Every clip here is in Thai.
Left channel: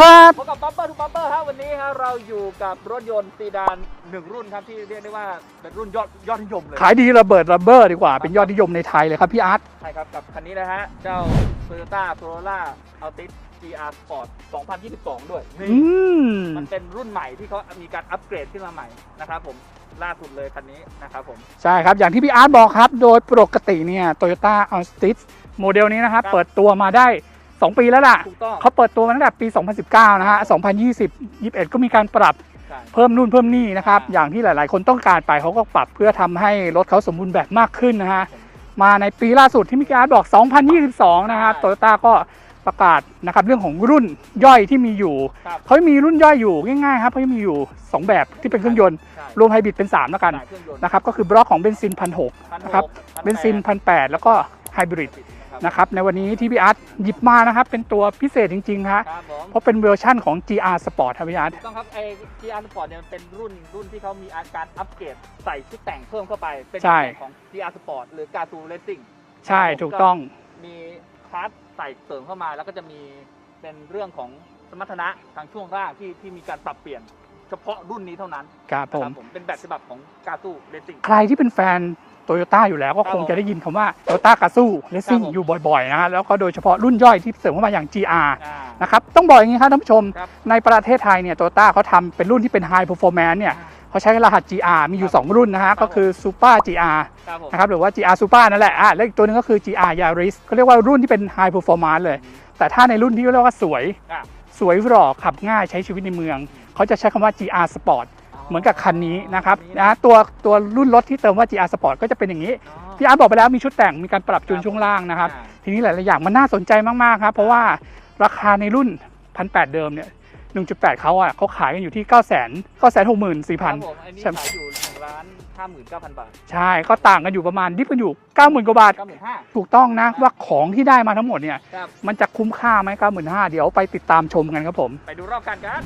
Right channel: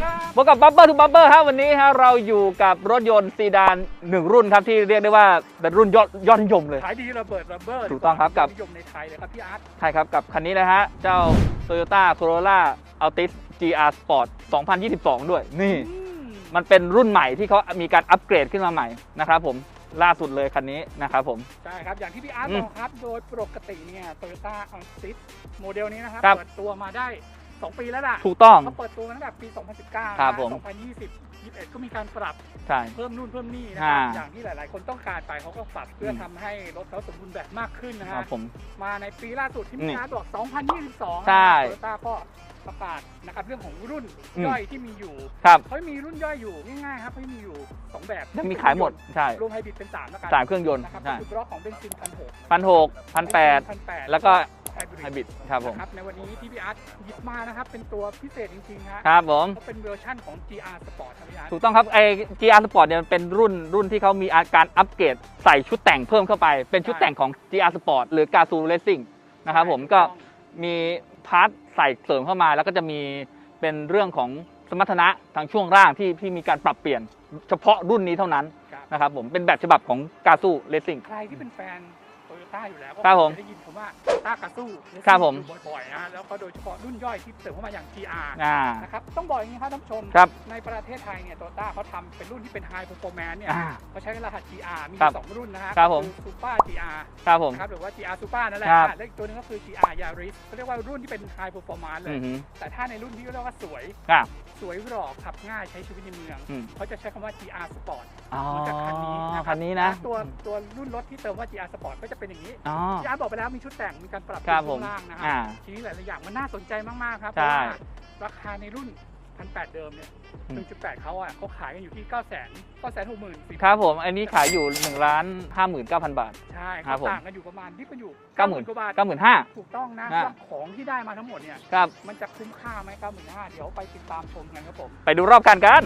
สวัสดีครับพบกับบับเบิ้ลทูบับเบิ้ลครับวันนี้ฮะเราอยู่กับรถยนต์ซีดานหนึ่งรุ่นครับที่เรียกได้ว่าเป็นรุ่นยอดยอดนิยมเลย ขายดีระเบิดระเบ้อดีกว่า ครับ เป็นยอดนิยมในไทยเลยครับพี่อาร์ตใช่ครับกับคันนี้นะฮะ เจ้า Toyota Corolla Altis GR Sport 2022 ด้วยนี่ อืมมันเป็นรุ่นใหม่ที่เขามีการอัปเกรดขึ้นมาใหม่นะครับผมล่าสุดเลยคันนี้นะครับผม ใช่ครับ อย่างที่พี่อาร์ตบอกครับ โดยปกติเนี่ยโตโยต้าอัลติสโมเดลนี้นะครับ ครับ เปิดตัวมาได้ 2 ปีแล้วล่ะ ถูกต้อง เขาเปิดตัวมาตั้งแต่ปี 2019 นะครัฮะบผม2020 21 ก็มีการปรับใช่ เพิ่มนู่นเพิ่มนี่นะครับ อ่า อย่างที่หลาย ๆ คนต้องการไปเขาก็ปรับเพื่อทำให้รถเขาสมบูรณ์แบบมากขึ้นนะคฮะรับผม มาในปีล่าสุดที่พี่อาร์ตบอก 2022 นะครับ ใช่ โตโยต้าก็ประกาศนะครับเรื่องของรุ่นย่อยที่มีอยู่ ครับเขามีรุ่นย่อยอยู่ง่ายๆครับเขามีอยู่ 2 แบบที่เป็นเครื่องยนต์ ใช่รวมไฮบริดเป็น3แล้วกันสามเครื่องยนต์นะครับ ก็คือบล็อกของเบนซินพันหก พันหกพันเบนแปซินด พันแปดแล้วก็ ไฮบริดบิดครับนะครับในวันนี้ที่พี่อาร์ตหยิบมานะครับเป็นตัวพิเศษจริงๆฮะครับผมเพราะเป็นเวอร์ชั่นของ GR Sport ครับพี่อาร์ตถูกต้องครับไอ้ GR Sport เนี่ยมันเป็นรุ่นรุ่นที่เขามีอาการอัปเกรดใส่ชุดแต่งเพิ่มเข้าไป เป็นชุดใช่แต่งของ GR Sport หรือ g a z o Racing นะใช่ครับผมถูกต้องมีพาร์ทใส่เสริมเข้ามา แล้วก็จะมีเป็นเรื่องของสมรรถนะทางช่วงล่างที่ที่มีการปรับเปลี่ยนเฉพาะรุ่นนี้เท่านั้นครับนะครับผผมมเป็นแบบฉบับของ g a z o Racing ใครที่เป็นแฟน โตโยต้าอยู่แล้วก็ครับคผงมจะได้ยินคำว่าโตโยต้ากาซูเลสครัซิ่บงผมอยู่บ่อยๆนะฮะแล้วก็โดยเฉพาะรุ่นย่อยที่เสริมเข้ามาอย่าง GR อ่านะครับต้องบอกอย่างนี้ครับท่านผู้ชมครับในประเทศไทยเนี่ยโตโยต้าเขาทำเป็นรุ่นที่เป็น High Performance เนี่ยเขาใช้รหัส GR มีอครัยู่บ2รุ่นนะฮะครัก็บผมคือ Super GR ครับผมนะครับหรือว่า GR Super นั่นแหละครับอะแล้วอีกตัวหนึงก็คือ GR Yaris เขาเรียกว่ารุ่นที่เป็น High Performance เลยอือฮึแต่ถ้าในรุ่นที่เรียกว่าสวยอะ สวยหล่อขับง่ายใช้ชีวิตในเมืองอืมเขาจะใช้คำว่า GR Sport เหมือนกับคันนี้นะครับคันะตัวตัวรุ่นรถที่เติมว่า GR Sport ก็จะเป็นอย่างนี้อ๋อที่อาร์ตบอกไปแล้วมีชุดแต่งมีการปรับจูนครับช่วงล่างนะครับอ่าทีนี้หลาย ๆ อย่างมันน่าสนใจมาก ๆ ครับ เพราะใช่ว่าราคาในรุ่น1,800เดิมเนี่ย 1.8 เขาอะเขาขายกันอยู่ที่9 9 6 4 0 0 0 ครับผม อันนี้ใช่ไหมขายอยู่1ล้าน59,000 บาท ใช่ครัก็บผมต่างกันอยู่ประมาณดิฟกันอยู่ 90,000 กว่าบาท 95,000 ถูกต้องนะอ่าว่าของที่ได้มาทั้งหมดเนี่ยครับมันจะคุ้มค่าไหม95,000 เดี๋ยวไปติดตามชมกันครับผม ไปดูรอบกันกัน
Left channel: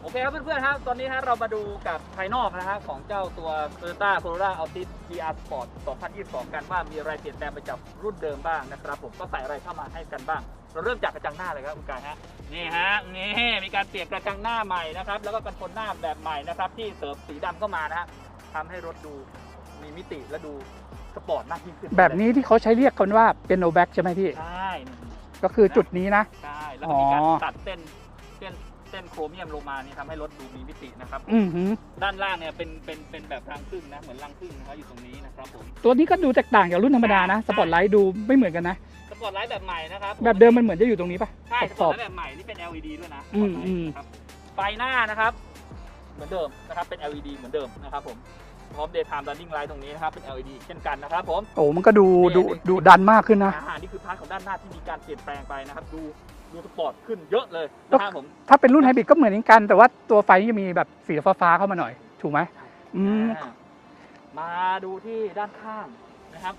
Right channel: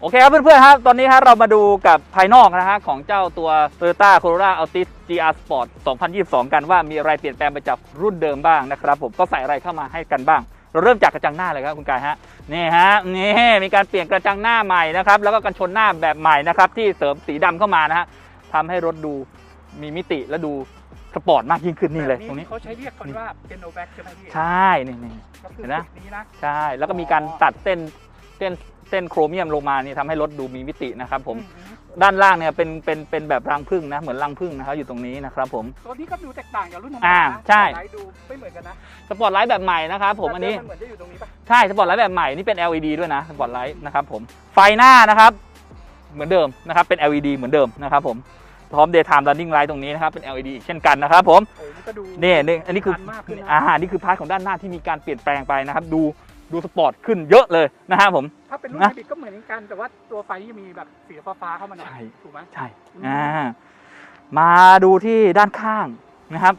โอเคครับเพื่อนๆครับ ตอนนี้ฮะเรามาดูกับภายนอกนะฮะของเจ้าตัว Toyota Corolla Altis GR Sport 2022 กันว่ามีอะไรเปลี่ยนแปลงไปจากรุ่นเดิมบ้างนะครับผมก็ใส่อะไรเข้ามาให้กันบ้าง เราเริ่มจากกระจังหน้าเลยครับคุณกายฮะนี่ฮะนี่มีการเปลี่ยนกระจังหน้าใหม่นะครับแล้วก็กันชนหน้าแบบใหม่นะครับที่เสริมสีดำเข้ามานะฮะทำให้รถดูมีมิติและดูสปอร์ตมากยิ่งขึ้นแบบเลยนี้ที่เขาใช้เรียกกันว่าเป็นโนแบ็กใช่ไหมพี่ ใช่นี่นี่ก็คือนะจุดนี้นะ ใช่ แล้วก็มีอ๋อการตัดเส้นเส้น เส้นโครเมียมลงมานี่ทำให้รถดูมีมิตินะครับผมอือหือด้านล่างเนี่ยเป็นเป็นเป็นแบบรังผึ้งนะเหมือนรังผึ้งนะครับอยู่ตรงนี้นะครับผม ตัวนี้ก็ดูแตกต่างจากรุ่นธรรมดานะอ่าสใช่ปอร์ตไลท์ดูไม่เหมือนกันนะสปอร์ตไลท์แบบใหม่นะครับผมแบบเดิมอัมันเหมือนจะอยู่ตรงนี้ปะใช่สปอร์ตไลท์แบบใหม่นี่เป็น LED ด้วยนะสปอร์ตไลอืท์มนะครับผมไฟหน้านะครับเหมือนเดิมนะครับเป็น LED เหมือนเดิมนะครับผมพร้อม daytime running light ตรงนี้นะครับเป็น LED อีกเช่นกันนะครับผมโอ้มันก็ดูนี่ดูนี่ดูนี่ดันมากขึ้นนะอ่านี่คือพาร์ทของด้านหน้าที่มีการเปลี่ยนแปลงไปนะครับดู ดูสปอร์ตขึ้นเยอะเลยนะครับผม ถ้าเป็นรุ่นนะไฮบริดก็เหมือนกัน แต่ว่าตัวไฟจะมีแบบสีฟ้าๆเข้ามาหน่อย ใช่ ถูกไหม ใช่อืม อ่ามาดูที่ด้านข้างนะครับ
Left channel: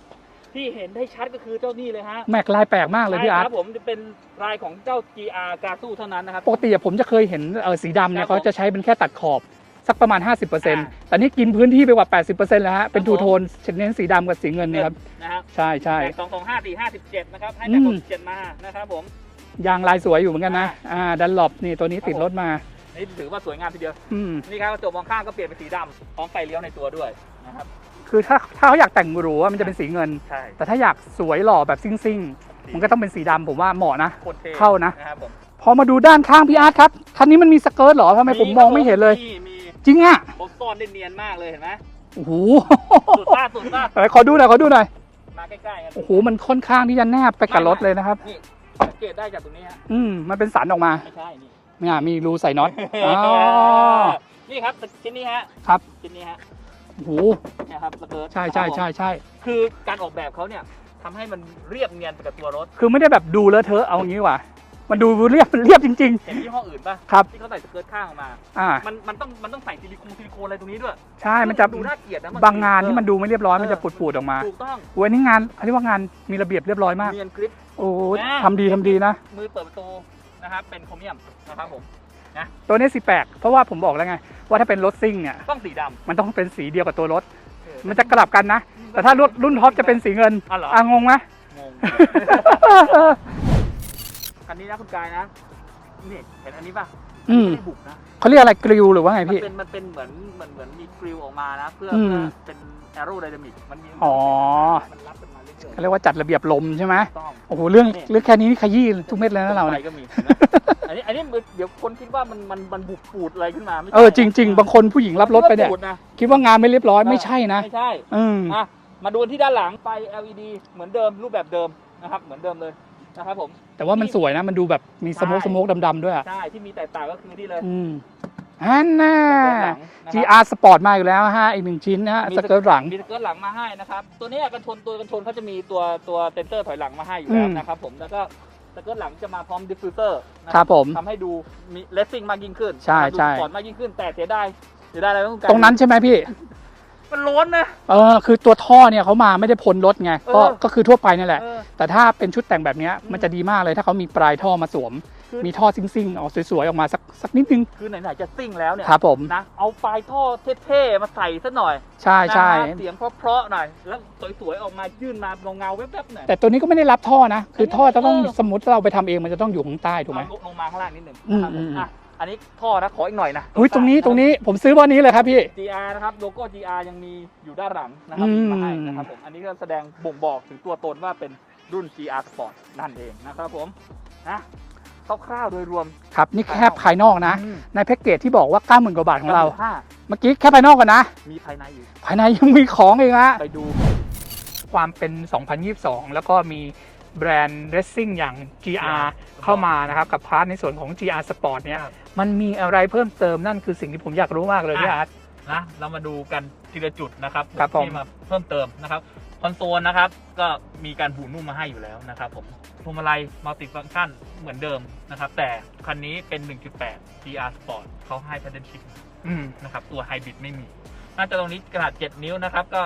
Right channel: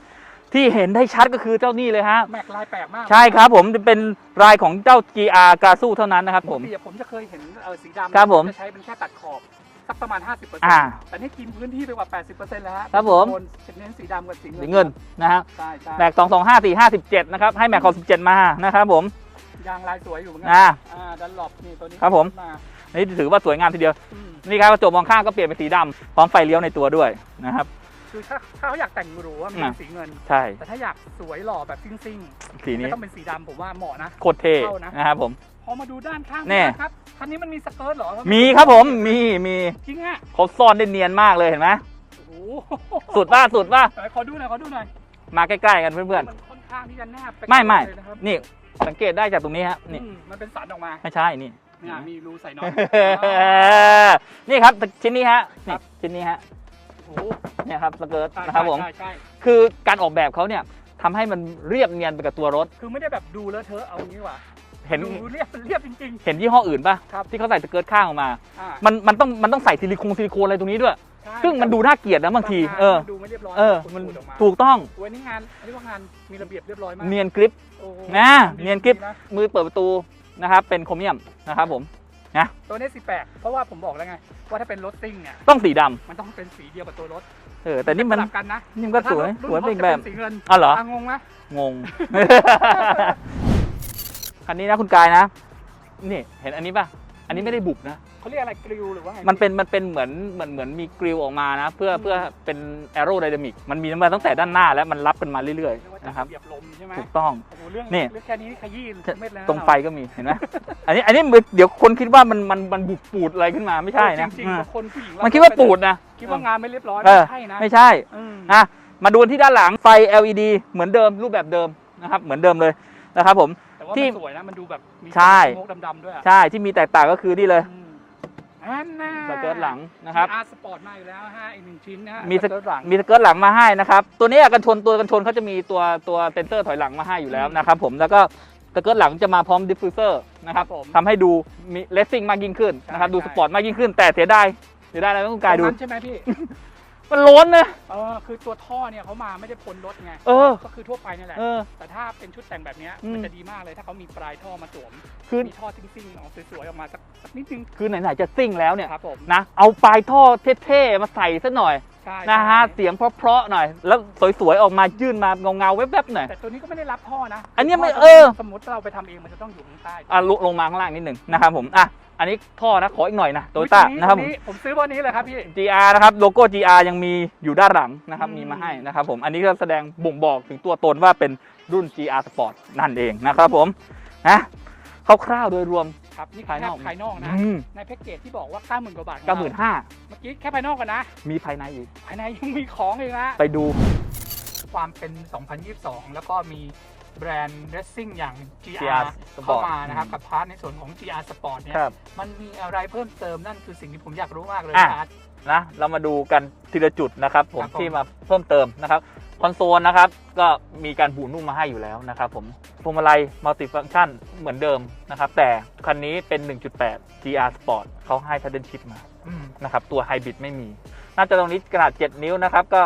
ที่เห็นได้ชัดก็คือเจ้านี่เลยฮะ แม็กลายแปลกมากเลยใช่พี่ครับอาตผมเป็นลายของเจ้า GR กาซูเท่านั้นนะครับปกติอะผมจะเคยเห็นเออสีดำครัเนี่ยบผมเขาจะใช้เป็นแค่ตัดขอบสักประมาณอ่า50%แต่นี่กินพื้นที่ไปกว่า 80%แล้วฮะเป็นครับดูผมโทนเน้นสีดำกับสีเงินเงินครับนะฮะใช่ใช่แม็ก2 2 5 4 5 7นะครับให้แม็กอืขอมบ17มานะครับผม ยางลายสวยอยู่เหมือนกันอ่านะ อ่าดันหลบนี่ตัวนี้ครับติดผมรถมา นี่ถือว่าสวยงามทีเดียวอืมนี่ครับกระจกมองข้างก็เปลี่ยนเป็นสีดำพร้อมไฟเลี้ยวในตัวด้วยนะครับ คือถ้าถ้าเขาอยากแต่งหรูอะมันจะเป็นสีเงิน ใช่ แต่ถ้าอยากสวยหล่อแบบซิ่งสีๆมันนี้ก็ต้องเป็นสีดำผมว่าเหมาะนะโคตรเท่เข้านะนะครับผม พอมาดูด้านข้างพี่เนี่ยอาร์ตครับคันนี้มันมีสเกิร์ตเหรอทำไมมีผมครับมผองมไม่เห็นเลยมีมีจริงอะเขาซ่อนได้เนียนมากเลยเห็นไหมโอ้โหสุดป่ะสุดป่ะไหนขอดูหน่อยขอดูหน่อยมาใกล้ๆกันโอ้เพื่โหอนๆมันค่อนข้างที่จะแนบไปไม่กับรถไม่เลยนะครับ นี่ สังเกตได้จากตรงนี้ฮะอืมมันเป็นสันออกมาไม่ใช่นี่เนี่ยมีรูใส่น็อตนี่ครับชิ้นนี้ฮะครับชิ้นนี้ฮะโอ้โหเนี่ยครับสเกิร์ตใช่นะคใช่รับผมใช่ใช่คือการออกแบบเขาเนี่ยทำให้มันเรียบเนียนไปกับตัวรถ คือไม่ได้แบบดูเลอะเทอะเอางี้ดีกว่าเห็น มันดูเรียบมันเรียบจริง เห็นยี่ห้ออื่นป่ะครับที่เขาใส่สเกิร์ตข้างออกมา ๆ อ่า มันมันต้องมันต้องใส่ซิลิโคนซิลิโคนอะไรตรงนี้ด้วยใช่ซึ่มังนจะมันดูน่าเกลียดนะบางบางทีงานเอที่อ มันดูไม่เรียบร้อยเอมันอจะปูดๆออกมาถูกต้องโอ้ยนี่งานอันนี้ว่างานมีระเบียบเรียบร้อยมาก เนียนกริป โอ้ยนะทำดีเนียนทำกริดีปนะ มือเปิดประตูนะครับเป็นโครเมียมนะครับผมตัวนี้สีแปลกเพราะว่าผมบอกแล้วไง ว่าถ้าเป็นรถซิ่งเนี่ย ต้องสีดำมันต้องเป็นสีเดียวกับตัวรถเออแต่แต่จะกลับกันนะ นี่มันแต่ก็ถ้ารถสวยรุ่นสวยท็อปอีกจะเป็นแบบ สีเงินอ๋อเหรออะงงไหมงง คันนี้นะคุณกายนะ นี่ เห็นอันนี้ป่ะ อันนี้อืมไม่ได้บุบนะ เขาเรียกอะไรกริลหรือว่าไงมันพี่เป็นมันเป็นเหมือนเหมือนเหมือนมีกริลออกมานะ เพื่ออืมเพื่อเป็นแอโรไดนามิกมันมีมาตั้งแต่อ๋อด้านหน้าแล้วมันรับกันมาเรื่อยเขาเรียกว่าจัดระเบียบลมใช่ไหมถูกต้องโอ้โหเรื่องนี่เรื่องแค่นี้นี่ขยี้ทุกเม็ดเลยตรนะงเราไฟก็มีเห็นไหมอันนี้อันนี้เดี๋ยวคนคิดว่ามันมันมันบุบปูดอะไรขึ้นมาไม่ใช่เออนะจริง ๆ บางคนผู้หญิงรับมันรคิดถว่าไปเนี่ปูดยนะคิดว่างานไม่เรียบร้อยเออไม่ใช่นะไม่ใช่อืมอะมาดูที่ด้านหลังไฟ LED เหมือนเดิมรูปแบบเดิมนะครับเหมือนเดิมเลย นะครับผม แต่ว่าที่มันสวยนะ มันดูแบบมีสใช่ โมกสโมกดำๆด้วยอะใช่ที่มีแตกต่างก็คือนี่เลยอืมอันน่ะ สเกิร์ตหลังนะครับ GR Sport มาอยู่แล้วฮะ อีกหนึ่งชิ้นนะฮะมี สเกิร์ตหลัง มีสเกิร์ตหลังมาให้นะครับตัวนี้กันชนตัวกันชนเขาจะมีตัวตัวเซนเซอร์ถอยหลังมาให้อยู่แล้วอืม นะครับผมแล้วก็สเกิร์ตหลังจะมาพร้อมดิฟฟิวเซอร์นะคครัรับบผม ทำให้ดูมีเลสซิ่งมากยิ่งขึ้นใช่นะครับดูใช่ สปอร์ตมากยิ่งขึ้น แต่เสียดายเสียดายอะไรไม่ต้องการตรงนั้นใช่ไหมพี่ มันล้นนะ เออคือตัวท่อเนี่ยเขามาไม่ได้พ้นรถไงเออก็ก็คือทั่วไปนี่แหละ เออแต่ถ้าเป็นชุดแต่งแบบเนี้ยอืมมันจะดีมากเลยถ้าเขามีปลายท่อมาสวม คือ มีท่อซิ่งๆออกสวยๆออกมาสักสักนิดนึงคือไหนๆจะซิ่งแล้วเนี่ยครับผมนะ เอาปลายท่อเท่ๆมาใส่ซะหน่อยใช่นะใช่ฮะเสียงเพราะๆหน่อย แล้วสวยๆออกมายื่นมาเงาๆแวบๆหน่อย แต่ตัวนี้ก็ไม่ได้รับท่อนะอันนี้คืท่อไม่ต้องเออ สมมติเราไปทำเองมันจะต้องอยู่ข้างใต้ถูกไหอะมลงลงมาข้างล่างนิดหนึ่งนะครับผมอืม อะ อันนี้ท่อนะขออีกหน่อยนะอุ้ยต Toyota รงนี้ะคตบรงนี้ผมซื้อวันนี้เลยครับพี่ GR นะครับโลโก้ GR ยังมีอยู่ด้านหลังนะครับอืม มีมาให้นะครับผมอันนี้ก็แสดงบ่งบอกถึงตัวตนว่าเป็นรุ่น GR Sport นั่นเองนะครับผมนะคร่าวๆโดยรวม ครับนี่แค่ภายนอกนะ อืม ในแพ็กเกจที่บอกว่า 90,000กว่าบาทของเราห้าเมื่อกี้แค่ภายนอกก่อนนะ มีภายในอีกภายในยังมีของอีกนะ ไปดูความเป็น 2022 แล้วก็มี แบรนด์เรสซิ่งอย่าง GR GR เข้ามานะครับ กับพาร์ทในส่วนของ GR Sport เนี่ยครับ มันมีอะไรเพิ่มเติมนั่นคือสิ่งที่ผมอยากรู้มากเลยอะพี่อาร์ต นะเรามาดูกันทีละจุดนะครับผมครับผม ที่มาเพิ่มเติมนะครับคอนโซลนะครับก็มีการบูนุ่มมาให้อยู่แล้วนะครับผมพวงมาลัยมัลติฟัง c t ชันเหมือนเดิมนะครับแต่คันนี้เป็น 1.8 GR Sport เขาให้ Paddle Shift มา อืม นะครับตัวไฮบริดไม่มี หน้าจอตรงนี้ขนาด 7 นิ้วนะครับ ก็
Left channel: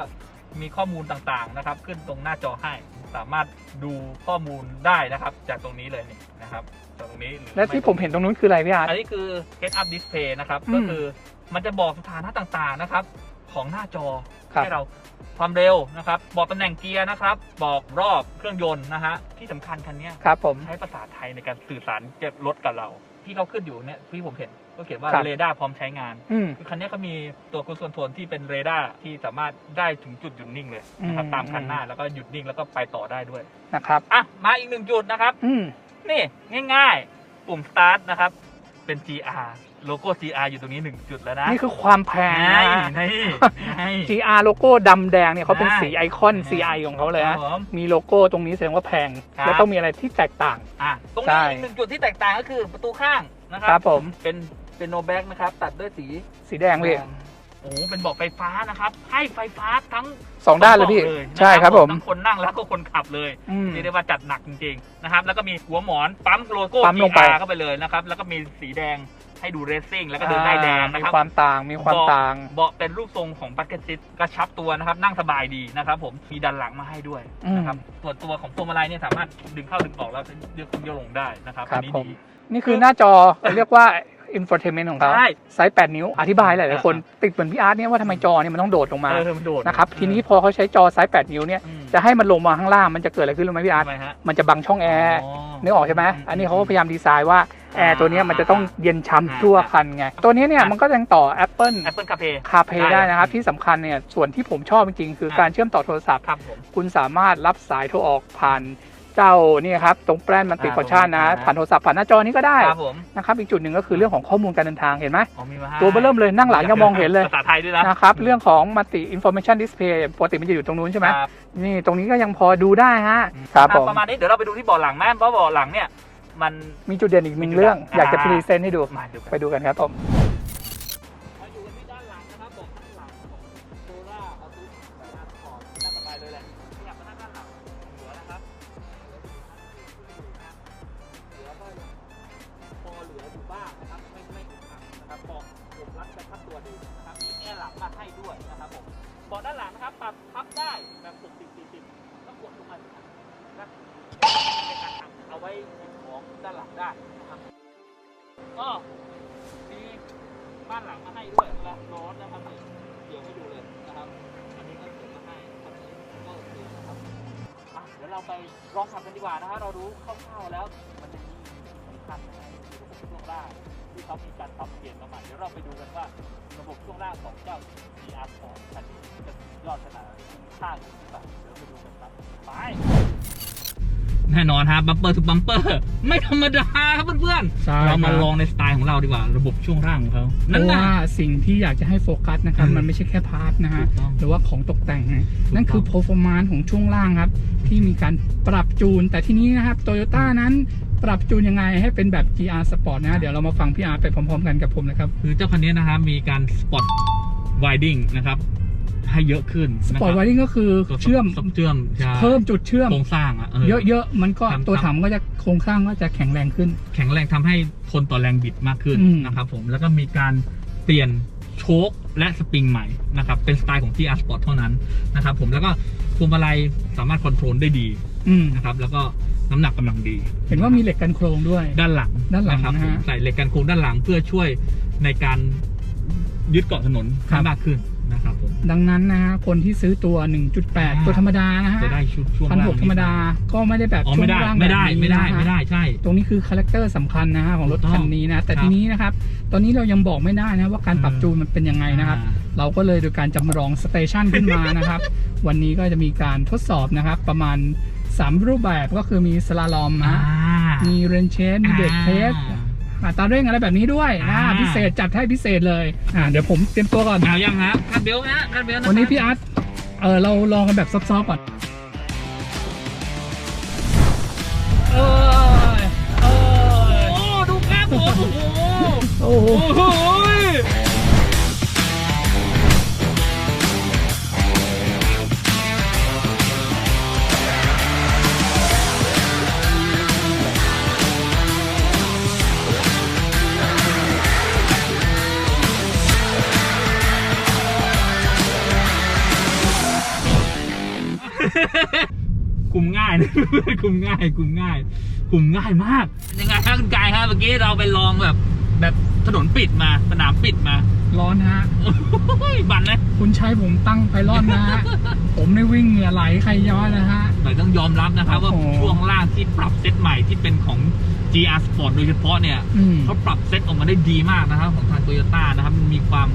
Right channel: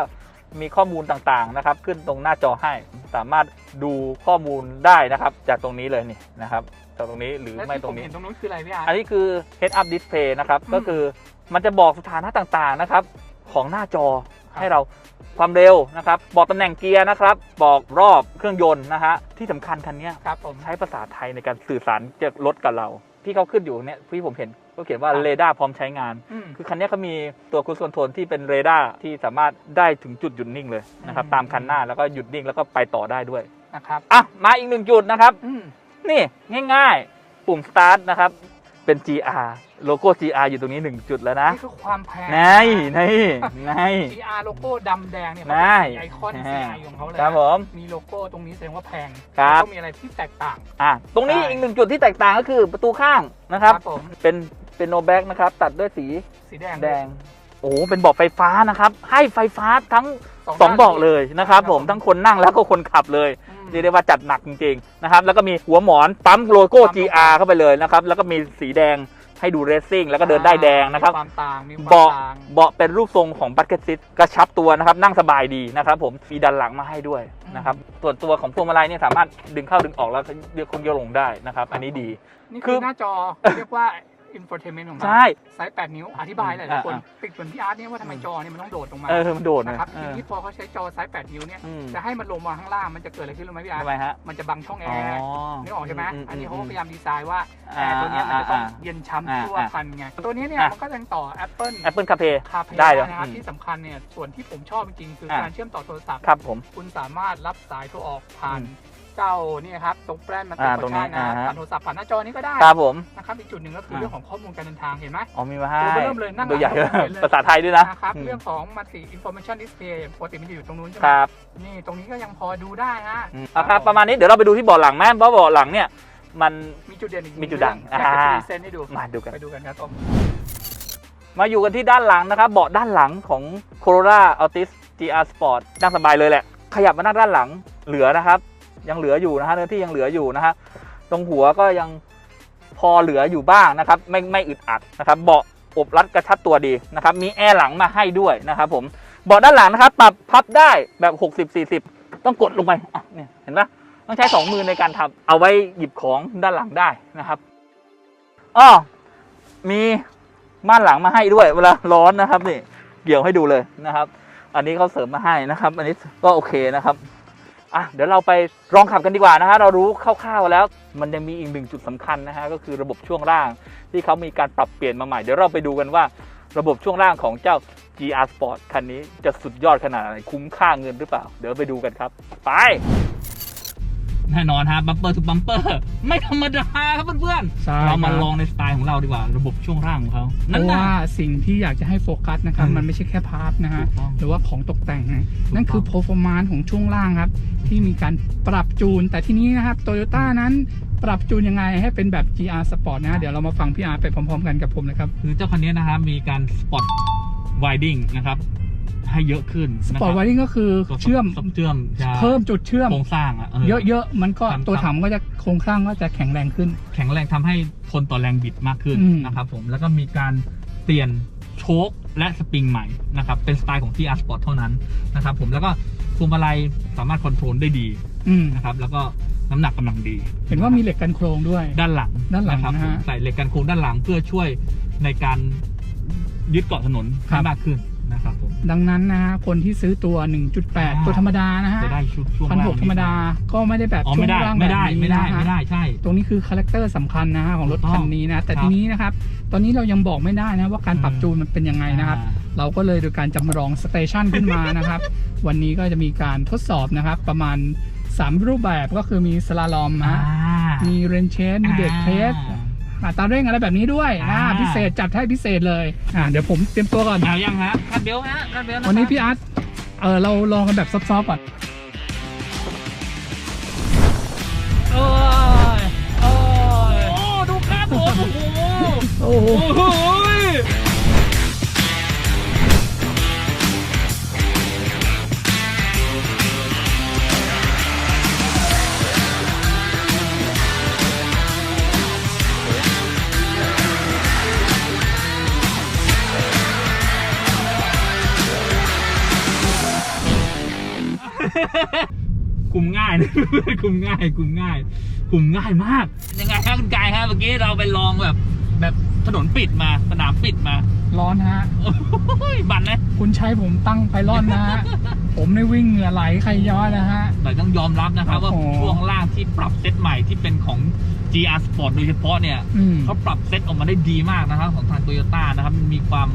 มีข้อมูลต่างๆนะครับ ขึ้นตรงหน้าจอให้ สามารถดูข้อมูลได้นะครับ จากตรงนี้เลยนี่นะครับจากตรงนี้หรือและที่ไผมเห็นตรงนู้นคืออะไรพี่อาร์ต อันนี้คือ head up display นะครับ อืมก็คือมันจะบอกสถานะต่างๆนะครับ ของหน้าจอครับ ให้เราความเร็วนะครับ บอกตำแหน่งเกียร์นะครับ บอกรอบเครื่องยนต์นะฮะที่สำคัญคันเนี้ย ครับผม ใช้ภาษาไทยในการสื่อสารจากรถกับเรา ที่เขาขึ้นอยู่เนี่ยที่ผมเห็น ก็เขียนว่าครับเรดาร์พร้อมใช้งาน อืม คือคันนี้เขามีตัวคู o คอนโทรลที่เป็นเรดาร์ที่สามารถได้ถึงจุดหยุดนิ่งเลยนะครับอืม ตามคันหน้าแล้วก็หยุดนิ่งแล้วก็ไปต่อได้ด้วยนะครับ อะมาอีกหนึ่งจุดนะครับ อืม นี่ง่ายๆ ปุ่ม start นะครับ เป็น GR โลโก้ GR อยู่ตรงนี้ 1 จุดแล้วนะนี่คือความแพงไงนะ นี่ไง GR โลโก้ดำแดงเนี่ยเขาเป็นใช่สีไอคอนนะฮะ CI ของเขาเลยครับฮะผม มีโลโก้ตรงนี้แสดงว่าแพง ครับ แล้วก็มีอะไรที่แตกต่าง อะตรงนี้ใช่ อีกหนึ่งจุดที่แตกต่างก็คือประตูข้างนะครับ ผม เป็น เป็นโนแบ็กนะครับ ตัดด้วยสีสีแดงเลย โอ้โหเป็นเบาะไฟฟ้านะครับ ให้ไฟฟ้าทั้งสองด้านเลยเบาะพี่เลยนะใช่ครับครับผผมมทั้งคนนั่งแล้วก็คนขับเลยอืมเรียกได้ว่าจัดหนักจริงๆนะครับ แล้วก็มีหัวหมอนปั๊มโลโก้ปั๊มลงไป GR เข้าไปเลยนะครับ แล้วก็มีสีแดงให้ดูเรซซิ่งแล้วก็เดินได้แดงนะครับมีความต่างมีความเบาะต่างเบาะเป็นรูปทรงของบัตเก็ตซิตกระชับตัวนะครับ นั่งสบายดีนะครับผมมีดันหลังมาให้ด้วยนะครับส่วนตัวของพวงมาลัยเนี่ยสามารถดึงเข้าดึงออกแล้วเลือกคุมโยกลงได้นะครับอันนี้ดี นี่คือหน้าจอเรียกว่า infotainment ของเขาใช่ ไซส์ 8 นิ้ว อธิบายหลายๆคน ติดเหมือนพี่อาร์ตเนี่ยว่าทำไมจอเนี่ยมันต้องโดดลงมาเออมันโดดนะครับทีนี้พอเขาใช้จอไซส์ 8 นิ้วเนี่ยอืมจะให้มันลงมาข้างล่างมันจะเกิดอะไรขึ้นรู้ไหมพี่อาร์ตทำไมฮะมันจะบังช่องแอร์นึกออกใช่ไหมอันนี้เขาก็พยายามดีไซน์ว่าแอร์ตัวเนี้ยมันจะต้องเย็นช้ำทั่วคันไงตัวนี้เนี่ยมันก็ยังต่อ Apple Apple CarPlay CarPlay ได้ได้เลยนะครับ อืมที่สำคัญเนี่ยส่วนที่ผมชอบจริงๆ คืออะการเชื่อมต่อโทรศัพท์ ครับผม คุณสามารถรับสายโทรออกผ่าน เจ้านี่ครับตรงแป้นมันติดอ่าคอชันตรงนั้นะนอ่าผ่านโทรศัพท์ผ่านหน้าจอนี้ก็ได้ครับผมนะครับอีกจุดหนึ่งก็คือเรื่องของข้อมูลการเดินทางเห็นไหมอ๋อมีมาให้ตัวเบอร์เริ่มเลยนั่งหลังยังมองเห็นเลยภาษาไทยด้วยนะนะครับเรื่องของมัลติอินโฟ a t ชันดิสเพย์ปกติมันจะอยู่ตรงนู้นใช่ไหมครับนี่ตรงนี้ก็ยังพอดูได้ฮะครับประมาณนี้เดี๋ยวเราไปดูที่เบาะหลังแม่เพราะเบาะหลังเนี่ยมันมีจุดเด่นอีกหนึ่งมีจุดเรื่องเด่นอยากจะอ่าพรีเซนต์ให้ดูมาดูกันไปดูกันครับผมมาอยู่กันที่ด้านหลังนะครับเบาะด้านหลังของ Corolla Altis GR Sport นั่งสบายเลยแหละ ขยับมานั่งด้านหลังเหลือนะครับ ยังเหลืออยู่นะฮะเนื้อที่ยังเหลืออยู่นะฮะตรงหัวก็ยังพอเหลืออยู่บ้างนะครับ ไม่ไม่อึดอัดนะครับ เบาะอบรัดกระชับตัวดีนะครับ มีแอร์หลังมาให้ด้วยนะครับ ผมเบาะด้านหลังนะครับ ปรับพับได้แบบ 60 40 ต้องกดลงไปเนี่ยเห็นปะต้องใช้สองมือในการทำเอาไว้หยิบของด้านหลังได้นะครับอ้อมีม่านหลังมาให้ด้วยเวลาร้อนนะครับนี่เกี่ยวให้ดูเลยนะครับ อันนี้เขาเสริมมาให้นะครับ อันนี้ก็โอเคนะครับ อะเดี๋ยวเราไปลองขับกันดีกว่านะฮะเรารู้คร่าวๆแล้ว มันยังมีอีกหนึ่งจุดสำคัญนะฮะก็คือระบบช่วงล่างที่เขามีการปรับเปลี่ยนมาใหม่เดี๋ยวเราไปดูกันว่าระบบช่วงล่างของเจ้า GR Sport คันนี้จะสุดยอดขนาดไหนคุ้มค่าเงินหรือเปล่า เดี๋ยวไปดูกันครับ ไป แน่นอนฮะบัมเปอร์ทุกบัมเปอร์ไม่ธรรมดาครับเพื่อนใช่ๆเรามาครับ ลองในสไตล์ของเราดีกว่า ระบบช่วงล่างของเขาเพนั่นราะนะว่าสิ่งที่อยากจะให้โฟกัสนะครับอืมมันไม่ใช่แค่พาร์ทนะฮะถูกต้องหรือว่าของตกแต่งนะถูกต้องนั่นคือ performance ของช่วงล่างครับ ที่มีการปรับจูน แต่ทีนี้นะครับโตโยต้านั้นปรับจูนยังไงให้เป็นแบบ GR Sport นะฮะเดี๋ยวเรามาฟังพี่อาร์ไปพร้อมๆกันกับผมนะครับ คือเจ้าคันนี้นะครับมีการสปอตไวดิ้งนะครับ ให้เยอะขึ้นนะค Sport รับ Wiring ก็คือตัวเชื่อม เชื่อมใช่เพิ่มจุดเชื่อม โครงสร้างอะเยอะๆ มันก็ทำตัวถังก็จะโครงสร้างก็จะแข็งแรงขึ้นแข็งแรงทำให้ทนต่อแรงบิดมากขึ้นอืม นะครับผมแล้วก็มีการเปลี่ยนโชคและสปริงใหม่นะครับเป็นสไตล์ของ GR Sport เท่านั้นนะครับผมแล้วก็พวงมาลัยสามารถคอนโทรลได้ดีอืมนะครับแล้วก็น้ำหนักกำลังดี เห็นว่ามีเหล็กกันโครงด้วย ด้านหลังด้านหลังครับนะผมฮะใส่เหล็กกันโค้งด้านหลังเพื่อช่วยในการยึดเกาะถนนครัให้บมากขึ้น นะครับผม ดังนั้นนะฮะคนที่ซื้อตัวอ่า1.8 ตัวธรรมดานะฮะจะได้ชุดช่วงพันหล่างกธรรมดาก็ไม่ได้แบบอ๋อไม่ได้ช่วงล่างไม่ได้แบบนี้ไม่ได้นะฮะ ไม่ได้ใช่ ตรงนี้คือคาแรคเตอร์สำคัญนะฮะของรถถูกต้องคันนี้นะ แต่ครับทีนี้นะครับ ตอนนี้เรายังบอกไม่ได้นะว่าการปรับอืมจูนมันเป็นยังไงนะครับ อ่า เราก็เลยโดยการจำลองสเตชันขึ้นมานะครับ วันนี้ก็จะมีการทดสอบนะครับ ประมาณ 3 รูปแบบก็คือมีสลาลอมอ่าฮะมีเรนเชนมีเด็กเทสอ่า อัตราเร่งอะไรแบบนี้ด้วยนะอ่า พิเศษจัดให้พิเศษเลยอ่าเดี๋ยวผมเตรียมตัวก่อน เอายังฮะคาดเบลฮะคาดเบลนะครับวันนี้พี่อาร์ตเออเราลองกันแบบซอฟต์ๆก่อนเอ้ยเอ้ยโอ้ดูครับผมโอ้โหโอ้โหโอ้โห นะคุมง่าย คุมง่าย คุมง่ายมาก ยังไงครับคุณกายครับเมื่อกี้เราไปลองแบบ แบบถนนปิดมาสนามปิดมาร้อนฮะ โอ้ยบันนะคุณใช้ผมตั้งไพลอนนะฮะ ผมในวิ่งเหงื่อไหลใครย้อนนะฮะแต่ต้องยอมรับนะครับว่าโอ้โหช่วงล่างที่ปรับเซตใหม่ที่เป็นของ GR Sport โดยเฉพาะเนี่ยอืมเขาปรับเซตออกมาได้ดีมากนะครับของทางโตโยต้านะครับมันมีความ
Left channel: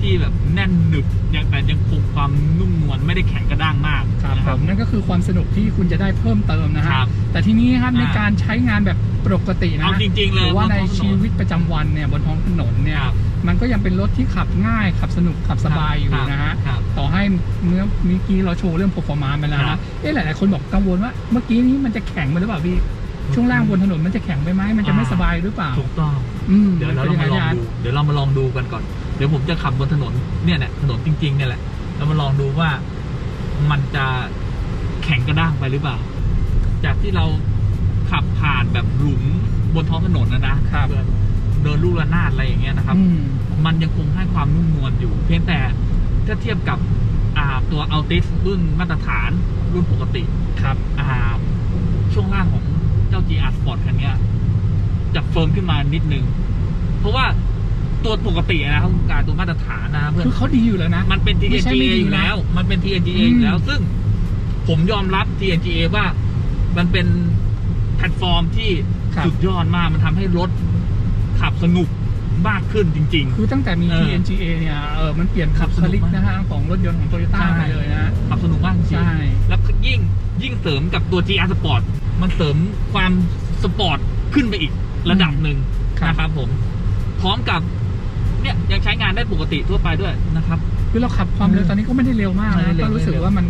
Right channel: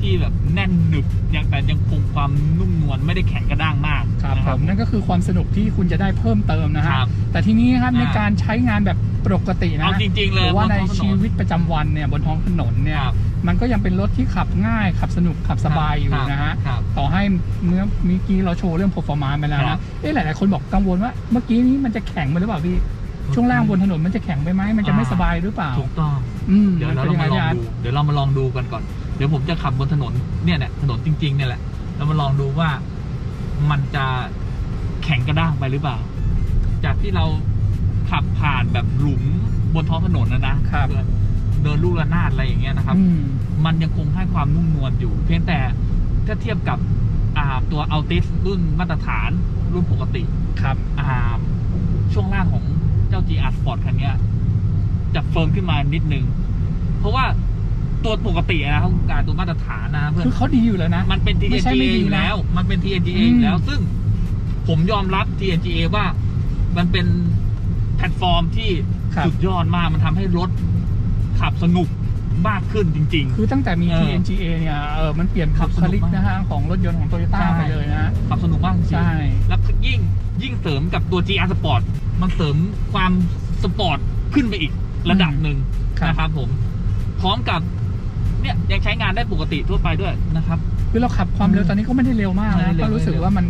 ที่แบบแน่นหนึบยังแต่ยังคงความนุ่มนวลไม่ได้แข็งกระด้างมากครับนะ ผมนั่นก็คือความสนุกที่คุณจะได้เพิ่มเติมนะฮะครับแต่ทีนี้ครับอ่า ในการใช้งานแบบปกตินะเอาจริง ๆ หเลยรือว่าในบนท้องถชีวิตประจำวันเนี่ยบนท้องถนนเนี่ยครับมันก็ยังเป็นรถที่ขับง่ายขับสนุกขับสบายอยู่ครับนะฮะครับ ต่อให้เมื่อเมื่อกี้เราโชว์เรื่อง performance ไปแล้วครันะบ เอ๊ะหลาย ๆ คนบอกกังวลว่าเมื่อกี้นี้มันจะแข็งไปหรือเปล่าพี่ช่วงล่างบนถนนมันจะแข็งไปไหมมันจะไม่อ่าสบายหรือเปล่าถูกต้อง อืมเดี๋ยวเราป็นมาลองไงดู เดี๋ยวเรามาลองดูกันก่อนเดี๋ยวผมจะขับบนถนนเนี่ยแหละถนนจริงๆเนี่ยแหละเรามาลองดูว่ามันจะแข็งกระด้างไปหรือเปล่า จากที่เราขับผ่านแบบหลุมบนท้องถนนนะนะครับเดินลูกระนาดอะไรอย่างเงี้ยนะครับอืมมันยังคงให้ความนุ่มนวลอยู่ เพียงแต่ถ้าเทียบกับอ่าตัวอัลติสรุ่นมาตรฐานรุ่นปกติครับอ่าช่วงล่างของเจ้า GR Sport คันเนี้ยจะเฟิร์มขึ้นมานิดนึง เพราะว่า ตัวปกตินะครับคุณการตัวมาตรฐานนะเพื่อนคือเขาดีอยู่แล้วนะ มันเป็นไม่ใช่ TNGA ไม่ดีนะอยู่แล้ว มันเป็น TNGA อืม อยู่แล้ว ซึ่งผมยอมรับ TNGA ว่ามันเป็นแพลตฟอร์มที่ครับ สุดยอดมากมันทำให้รถขับสนุกมากขึ้นจริง คือตั้งแต่มี เออ TNGA เนี่ยเออมันเปลี่ยนขัขับบสนุคกลิกมากนะฮะของรถยนต์ของโตโยต้าใช่ไปเลยนะๆขับสนุกมากจริงใช่แล้วยิ่งยิ่งเสริมกับตัว GR Sport มันเสริมความสปอร์ตขึ้นไปอีกระดับหนึ่งครับ นะครับผม พร้อมกับ เนี่ยยังใช้งานได้ปกติทั่วไปด้วยนะครับคือเราขับความเร็วตอนนี้ก็ไม่ได้เร็วมากไม่ได้นะเร็วก็รู้สึกว่ามัน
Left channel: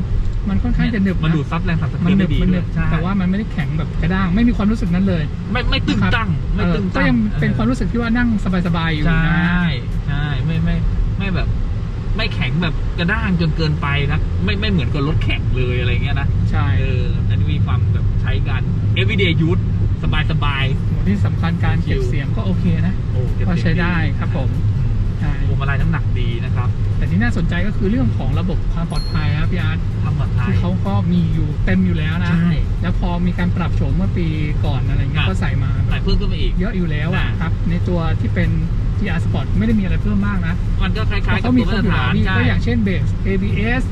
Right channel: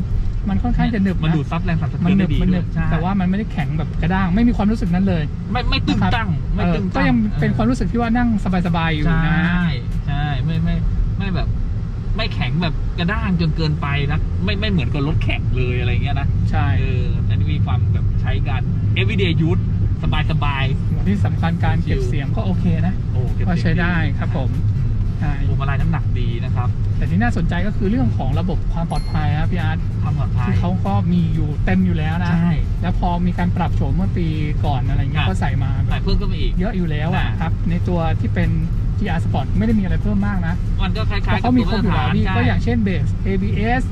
มันค่อนข้างจะหนึบมันนะดูดซับแรงสั่นสะมัเทือนหนึได้บดีมันหด้นึวยบใช่แต่ว่ามันไม่ได้แข็งแบบกระด้างไม่มีความรู้สึกนั้นเลย ไม่ไม่ตึงตั้งไม่เออตึงตั้งก็ยังเป็นความรู้สึกที่ว่านั่งสบายๆอยู่ใช่นะใช่ไม่ไม่ไม่แบบ ไม่แข็งแบบกระด้างจนเกินไปนะไม่ไม่เหมือนกับรถแข่งเลยอะไรเงี้ยนะใช่เอออันนี้มีความแบบใช้การ everyday use สบายสบายที่สำคัญการเก็บชิลเสียงก็โอเคนะๆโอ้เก็บก็เสียงใช้ได้ครับผมใช่ พวงมาลัยน้ำหนักดีนะครับ แต่ที่น่าสนใจก็คือเรื่องของระบบความปลอดภัยครับพี่อาร์ตความปลอดภัยที่เขาก็มีอยู่เต็มอยู่แล้วนะใช่แล้วพอมีการปรับโฉมเมื่อปีก่อนอะไรเงี้ยครับก็ใส่มาแบใส่บเพิ่มขึ้นมาอีกเยอะอยู่แล้วอะอ่าครับ ในตัวที่เป็น GR Sport ไม่ได้มีอะไรเพิ่มมากนะมันก็คล้ายๆเพราะกับเขามีตัวครมาบตอรยู่แล้วพี่ฐานใช่ก็อย่างเช่นเบส ABS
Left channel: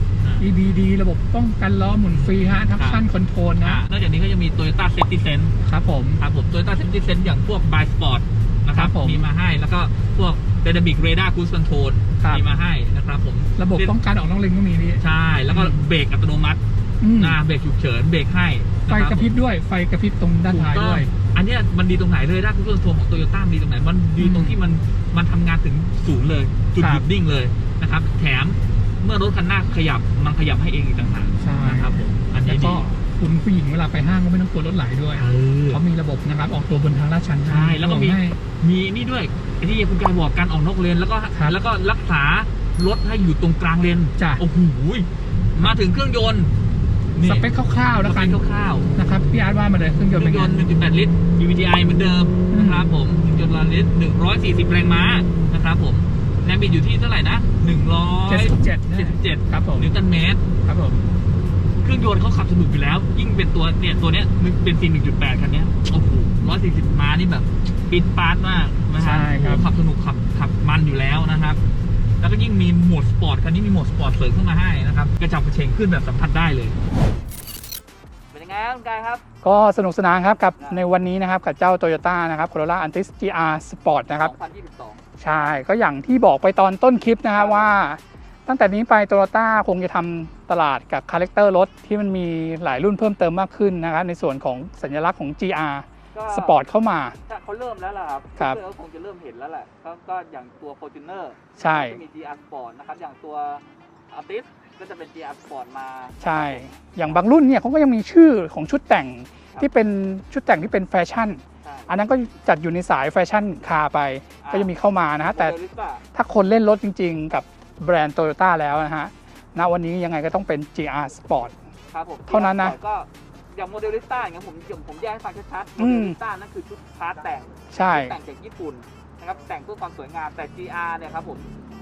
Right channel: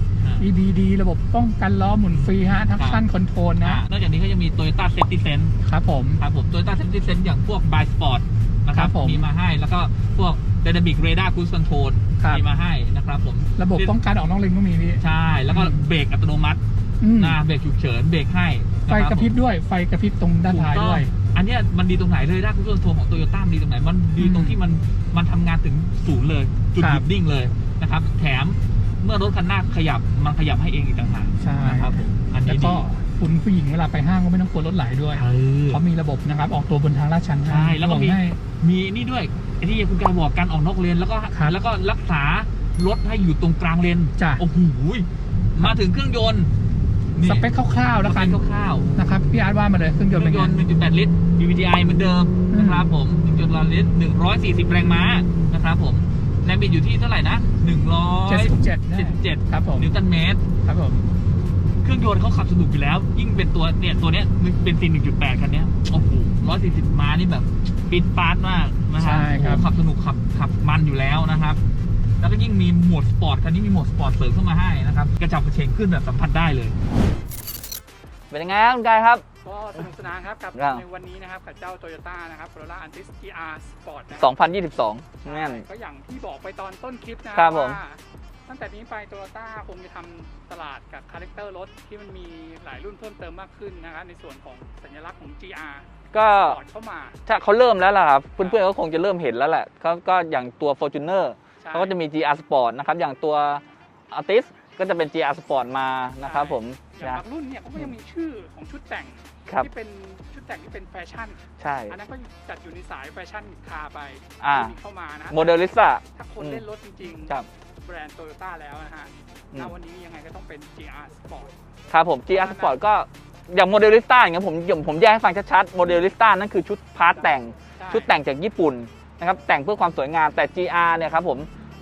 EBD ระบบป้องกันล้อหมุนฟรีฮะทั้งครับขั้นคอนโทรลอ่านะนอกจากนี้ก็ยังมี Toyota Safety Sense ครับผมครับผม Toyota Safety Sense อย่างพวก By Sport นะคครัรับบผมมีมาให้แล้วก็พวก Dynamic Radar Cruise Control ครับ มีมาให้นะครับผมระบบป้องกันออกนอกเลนก็มีพี่ ใช่ แล้วก็เบรกอัตโนมัติอืมนะเบรกฉุกเฉินเบรกให้ไฟนคกระพริบด้วย ไฟกระพริบตรงด้านท้ายถูกต้องด้วย อันเนี้ยมันดีตรงไหนเลยด้านคุณส่วนตัวของโตโยต้าดีตรงไหน มันดีตรงที่มันมันทำงานถึงศูนย์เลย จุดครับหยุดนิ่งเลยนะครับ แถมเมื่อรถคันหน้าขยับมันขยับให้เองอีกต่างหากใช่ นะครับผมอันแล้นี้วก็ดีคุณผู้หญิงเวลาไปห้างก็ไม่ต้องกลัวรถไหลด้วย เออ เขามีระบบนะครับ ออกตัวบนทางลาดชันให้ใช่แล้วก็มี ให้มีนี่ด้วย ไอ้ที่คุณกายบอกการออกนอกเลนแล้วก็ครับแล้วก็รักษารถให้อยู่ตรงกลางเลนจ้ะ โอ้โหมาถึงเครื่องยนต์นี่สเปคคร่าวๆแล้วกันสเปคคร่าวๆ นะครับพี่อาร์ตว่ามาเลยเครื่องยนต์เคเป็รื่นองยไง นต์ 1.8 ลิตร VVTi เหมือนเดิมอืม นะครับผมเครื่องยนต์ล้านลิตร 140 แรงม้านะครับผมแรงบิดอยู่ที่เท่าไหร่นะ เจ็ดสิบเจ็ดนะ177 ครับผมนิวตันเมตร ครับผม เครื่องยนต์เขาขับสนุกอยู่แล้ว ยิ่งเป็นตัวเนี่ยตัวเนี้ยเป็นซีน1.8 คันเนี้ย โอ้โห 140 ม้านี่แบบ ปิดปาร์ตมากนะฮะใช่ครับ โอ้โหขับสนุกขับขับมันอยู่แล้วนะครับ แล้วก็ยิ่งมีโหมดสปอร์ตคันนี้มีโหมดสปอร์ตเสริมเข้ามาให้นะครับกระจับกระเฉงขึ้นแบบสัมผัสได้เลย เป็นยังไงครับคุณกายครับ ก็สนุกสนานครับกับครับ ในวันนี้นะครับกับเจ้า Toyota นะครับ Corolla Altis GR Sport นะครับ 2022 ใช่ ก็อย่างที่บอกไปตอนต้นคลิปนะคครัรับบผม ว่า ตั้งแต่นี้ไป Toyota คงจะทำตลาดกับคาแรคเตอร์รถที่มันมีหลายรุ่นเพิ่มเติมมากขึ้นนะครับในส่วนของสัญลักษณ์ของ GR ก็ Sport เข้ามา ถ้าเขาเริ่มแล้วล่ะครับครับ เพื่อนๆก็คงจะเริ่มเห็นแล้วแหละเขาก็อย่างตัว Fortuner ใช่เขาก็จะมี GR Sport นะครับ อย่างตัว Altis ก็จะเป็น GR Sport มานะใช่ครับผม อย่างบางรุ่นเนี่ยเขาก็ยังมีชื่อของชุดแต่งครับที่เป็นชุดแต่งที่เป็นแฟชั่นใช่อันนั้นก็จัดอยู่ในสายแฟชั่นคาร์ไปอ่าก็จะมีเข้ามานะฮะโมแต่เดลิซ่าถ้าคนเล่นรถจริงๆ กับแบรนด์โตโยต้าแล้วนะฮะ ณ วันนี้ยังไงก็ต้องเป็น GR Sport ครับผมเท่า GR นั้นนะ Sport ก็ อย่างโมเดลิซ่าอย่างเงี้ยผมผมผมแยกให้ฟังชัดๆโมเดลิซ่านั่นคือชุดพาร์ทแต่งใช่ชุดแต่งจากญี่ปุ่นนะครับแต่งเพื่อความสวยงามแต่ GR เนี่ยครับผม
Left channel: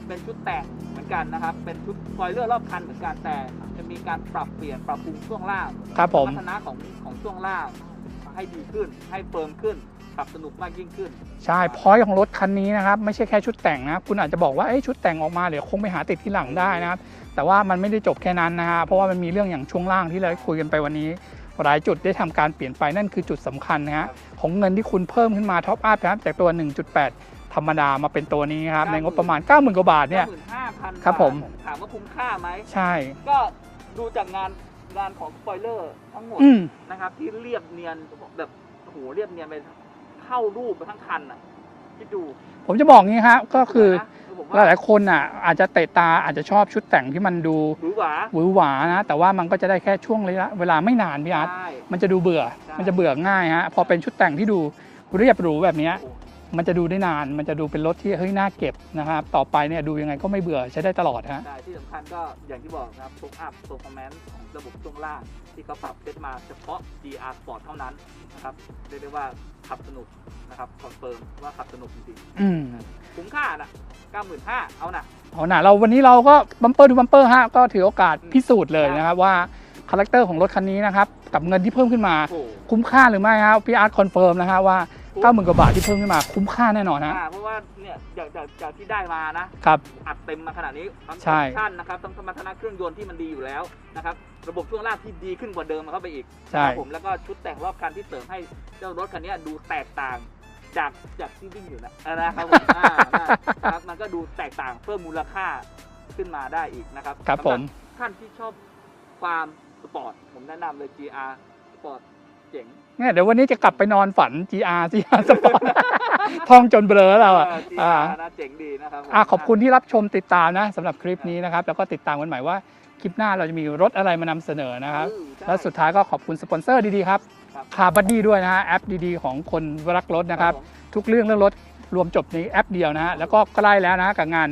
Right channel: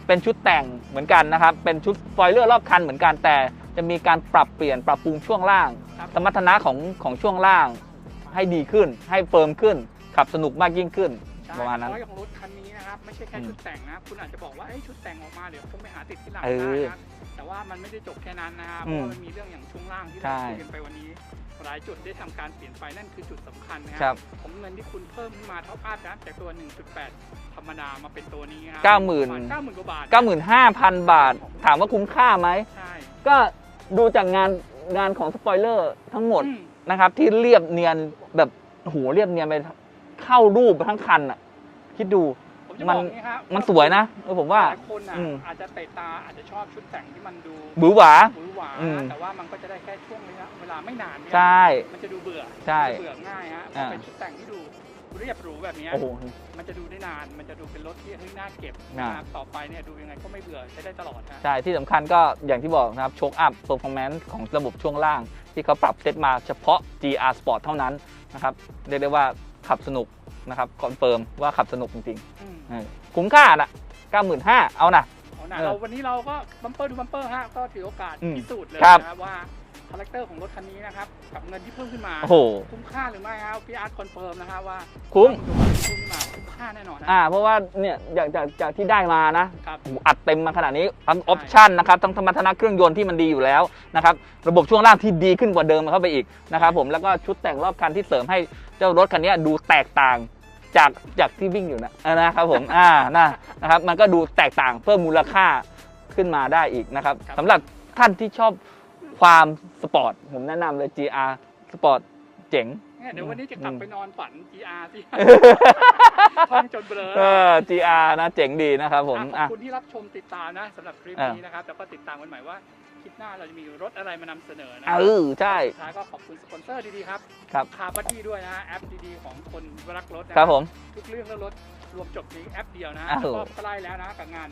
เป็นชุดแต่งเหมือนกันนะครับเป็นชุดสปอยเลอร์รอบคันเหมือนกันแต่จะมีการปรับเปลี่ยนปรับปรุงช่วงล่างครับสผมมรรถนะของของช่วงล่าง ให้ดีขึ้น ให้เฟิร์มขึ้นขับสนุกมากยิ่งขึ้น ใช่ประมาณพอยของรถคันนี้นะครับไม่ใช่แค่ชุดแต่งนะคุณอาจจะบอกว่าเอ้ยชุดแต่งออกมาเดี๋ยวคงไปหาติดที่หลังเออได้นะครับแต่ว่ามันไม่ได้จบแค่นั้นนะฮะเพราะว่าอืมมันมีเรื่องอย่างช่วงล่างที่เราใช่คุยกันไปวันนี้ หลายจุดได้ทำการเปลี่ยนไปนั่นคือจุดสำคัญนะฮะครับของเงินที่คุณเพิ่มขึ้นมาท็อปอัพครับจากตัว 1.8 ธรรมดามาเป็นตัวนี้ครับเก้าในหมื่งนบประมาณ 90,000กว่าบาทเนี่ย95,000ครับบาผทมถามว่าคุ้มค่าไหมใช่ ก็ดูจากงานงานของสปอยเลอร์ทั้งหมดอืมนะครับ ที่เรียบเนียนแบบโอ้โหเรียบเนียนไปเข้ารูปไปทั้งคันอะคิดดู ผมจะบอกงี้ฮะมันสวยนะเออผมว่า หลายๆคนอะอืม อาจจะเตะตาอาจจะชอบชุดแต่งที่มันดูบือหวา หวือหวาอืนะมแต่ว่ามันก็จะได้แค่ช่วงระยะเวลาไม่นานพี่ใชอาร์ต่ มันจะดูเบื่อ ใช่มันจะเบื่อง่ายฮะพออ่าเป็นชุดแต่งที่ดูเรียบหรูแบบเนี้ยโอ้โห มันจะดูได้นาน มันจะดูเป็นรถที่เฮ้ยน่าเก็บนะครับต่อไปเนี่ยดูยังไงก็ไม่เบื่อใช้ได้ตลอดฮะ ใช่ ที่สำคัญก็อย่างที่บอกนะครับโชคอัพ p พ r อ o แมนซ์ของระบบช่วงล่าง ที่เขาปรับเซตมาเฉพาะ GR Sport เท่านั้นนะครับ เรียกได้ว่า ขับสนุกนะครับคอนเฟิร์มว่าขับสนุกจริงอืมๆคุ้มค่าน่ะ95,000เอานะ เอาหน่ะเราวันนี้เราก็บัมเปอร์ดูบัมเปอร์ฮะก็ถือโอกาสอืมพิสูจน์เลยครับ นะครับว่าคาแรคเตอร์ของรถคันนี้นะครับกับเงินที่เพิ่มขึ้นมา โอ้โห คุ้มค่าหรือไม่ครับพี่อาร์ตคอนเฟิร์มนะฮะว่า คุ้ม เก้าหมื่นกว่าบาทที่เพิ่มขึ้นมาคุ้มค่าแน่นอนนะ อ่าเพราะว่าเนี่ยจากจากจากที่ได้มานะครับอัดเต็มมาขนาดนี้ทั้งใช่ออปชั่นนะครับทั้งสมรรถนะเครื่องยนต์ที่มันดีอยู่แล้วนะครับระบบช่วงล่างที่ดีขึ้นกว่าเดิมเข้าไปอีกนะครับผมแล้วก็ชุดแต่งรอบคันที่เสริมให้เจ้ารถคันนี้ดูแตกต่างจากจากที่วิ่งอยู่นะเออนะครับผมอ่านะนะครับมันก็ดูแตกต่างเพิ่มมูลค่าขึ้นมาได้อีกนะครับครับสำหรับผม ท่านที่ชอบความสปอร์ตผมแนะนำเลย GR สปอร์ตเจ๋งเนี่ยเดี๋ยววันนี้จะกลับไปนอนฝัน GR สิท่องจนเบลอเอแล้วอ GR นะเจ๋งดีนะครับผมอะขอบะคุณที่รับชมติดตามนะสำหรับคลิปอะนี้นะครับ แล้วก็ติดตามกันใหม่ว่าคลิปหน้าเราจะมีรถอะไรมานำเสนอนะครับเออใช่และสุดท้ายก็ขอบคุณสปอนเซอร์ดีๆครับครับคาร์บัดดี้ด้วยนะฮะแอปดีๆ ของคนรักรถนะคครัรับบผมทุกเรื่องเรื่องรถรวมจบในแอปเดียวนะฮะครับแล้วก็ใกล้แล้วนะกับงาน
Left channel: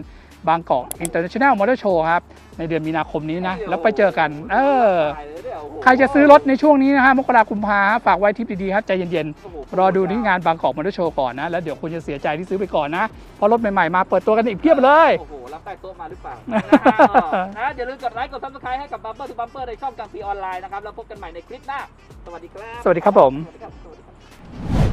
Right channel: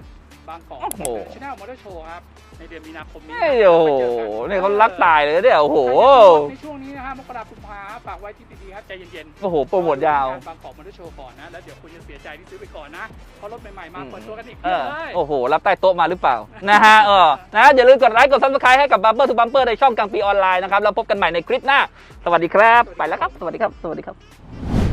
บางกอกโอ้โห International Motor Show ครับ ในเดือนมีนาคมนี้นะฮ้ยแล้วไปเจอกันโโหเนี่ยเขารักตายเลยเนี่ยโอ้โหใครจะซื้อรถในช่วงนี้นะฮะมกราคมพาฝากไว้ทิปดีๆครับ ใจเย็นโอ้โหโปรๆรอโมทดูยาวที่งานบางกอกมอเตอร์โชว์ก่อนนะ แล้วเดี๋ยวคุณจะเสียใจที่ซื้อไปก่อนนะ เพราะรถใหม่ๆมาเปิดตัวกันอีกเพียบเลย โอ้โห รับใต้โต๊ะมาหรือเปล่า นะฮะเออนะอย่าลืมกดไลค์กดซับสไครต์ให้กับบัมเปอร์ทูบัมเปอร์ในช่องกลางปีออนไลน์นะครับแล้วพบกันใหม่ในคลิปหน้า สวัสดีครับ สวัสดีครับไปแล้วผมสวัสดีครับสวัสดีครับ